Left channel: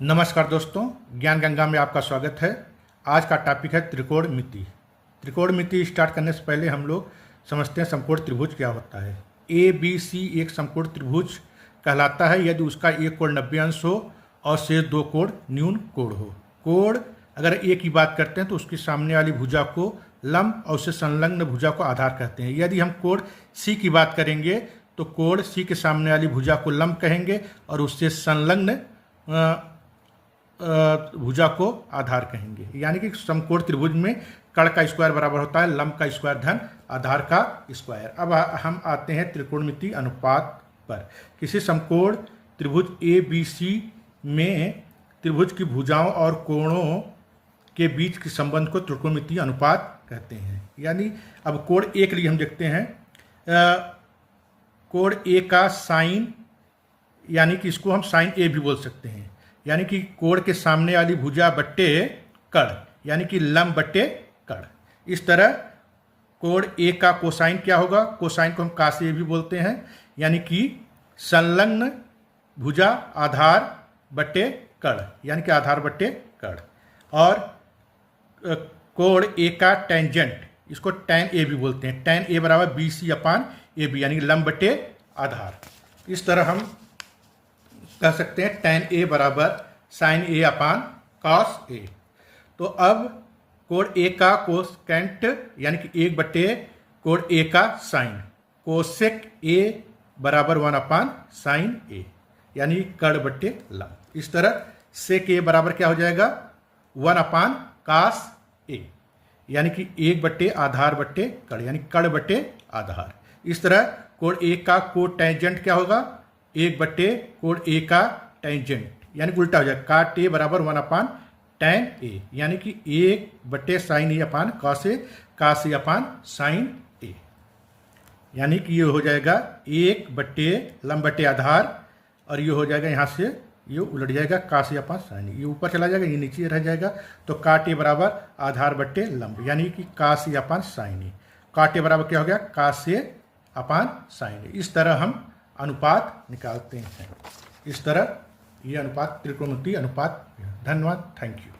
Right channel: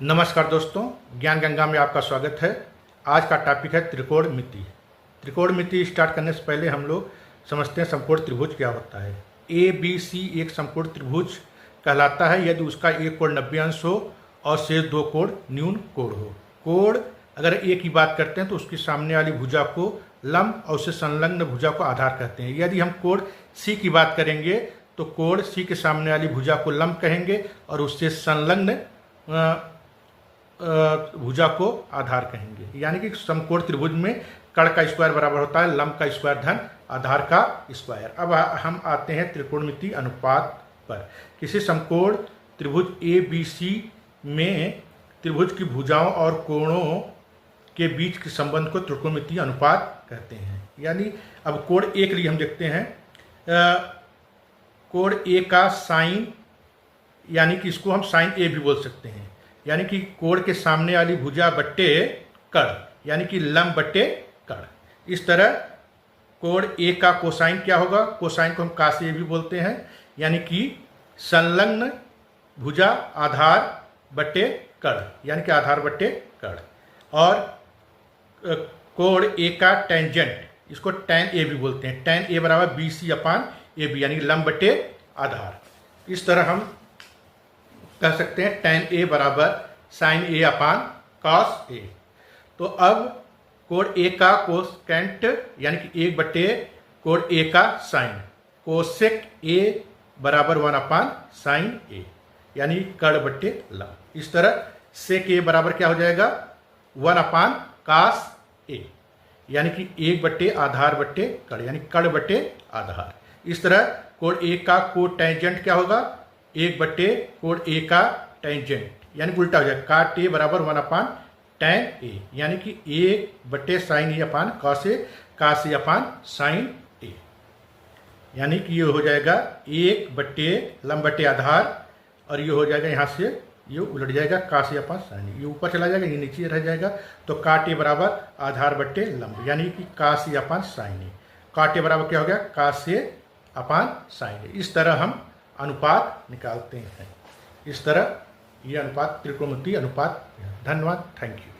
नमस्कार दोस्तों, ज्ञान गंगा में आपका स्वागत है। आज का टॉपिक है त्रिकोणमिति। त्रिकोणमिति स्टार्ट करने से पहले हम लोग समझते हैं समकोण त्रिभुज क्या होता है। ए बी सी एक समकोण त्रिभुज कहलाता है यदि उसका एक कोण 90 अंश हो और शेष दो कोण न्यून कोण हो। कोण अगर ए की बात करते हैं तो उसकी सामने वाली भुजा को लंब और उससे संलग्न भुजा को आधार कहते हैं। यदि हम कोण सी की बात करेंगे तो कोण सी के सामने वाली भुजा को लंब कहेंगे और उससे संलग्न भुजा को आधार कहेंगे। यानी कि समकोण त्रिभुज में कर्ण का स्क्वायर बराबर होता है लंब का स्क्वायर धन आधार का स्क्वायर। अब हम आते हैं त्रिकोणमिति अनुपात पर। किसी समकोण त्रिभुज ए बी सी में त्रिभुज की भुजाओं और कोणों के बीच के संबंध को त्रिकोणमिति अनुपात कहते हैं। यानी अब कोण ए के लिए हम देखते हैं, कोण ए का साइन, यानी कि इसको हम साइन ए भी बोल सकते हैं। यानी कि कोण के सामने वाली भुजा बट्टे कर्ण, यानी कि लंब बट्टे कर्ण। इस तरह कोण ए का कोसाइन क्या होगा? कोसाइन को हम काश ए भी बोलते हैं, यानी कि संलग्न भुजा आधार बट्टे कर्ण, यानी कि आधार बट्टे कर्ण। और कोण ए का टेंजेंट, इसको टैन ए भी बोलते हैं। टैन ए बराबर B C upon A B, यानी कि लंब बट्टे आधार। इस तरह हम कह सकते हैं टैन ए बराबर sign A upon cos A. तो अब कोण ए का कोसेकेंट, यानी कि 1 / कोण ए का साइन, कोसेक ए बराबर 1 अपान साइन ए, यानी कर्ण बट्टे लंब। इस तरह सेक ए बराबर क्या हो जाएगा? 1 अपान कॉस ए, यानी कि 1 / आधार बट्टे कर्ण, यानी कर्ण बट्टे आधार। इस तरह कोण ए का कोटेंजेंट क्या होगा? 1 / कोण ए का टेंजेंट, यानी कि उल्टा हो जाएगा। काट ए बराबर 1 अपान टैन ए, यानी कि 1 / sign A upon cos A, cos A upon sign ए, यानी कि ये हो जाएगा 1 / लंब बट्टे आधार, और ये हो जाएगा यहाँ से ये उलट जाएगा कॉस ए अपान साइन ए। ये ऊपर चला जाएगा, ये नीचे रह जाएगा। तो काट ए बराबर आधार बट्टे लंब, यानी कि कॉस ए अपान साइन ए। काट ए बराबर क्या हो गया? कॉस ए अपान साइन ए। इस तरह हम अनुपात निकालते हैं। इस तरह ये अनुपात त्रिकोणमिति अनुपात। धन्यवाद, थैंक यू।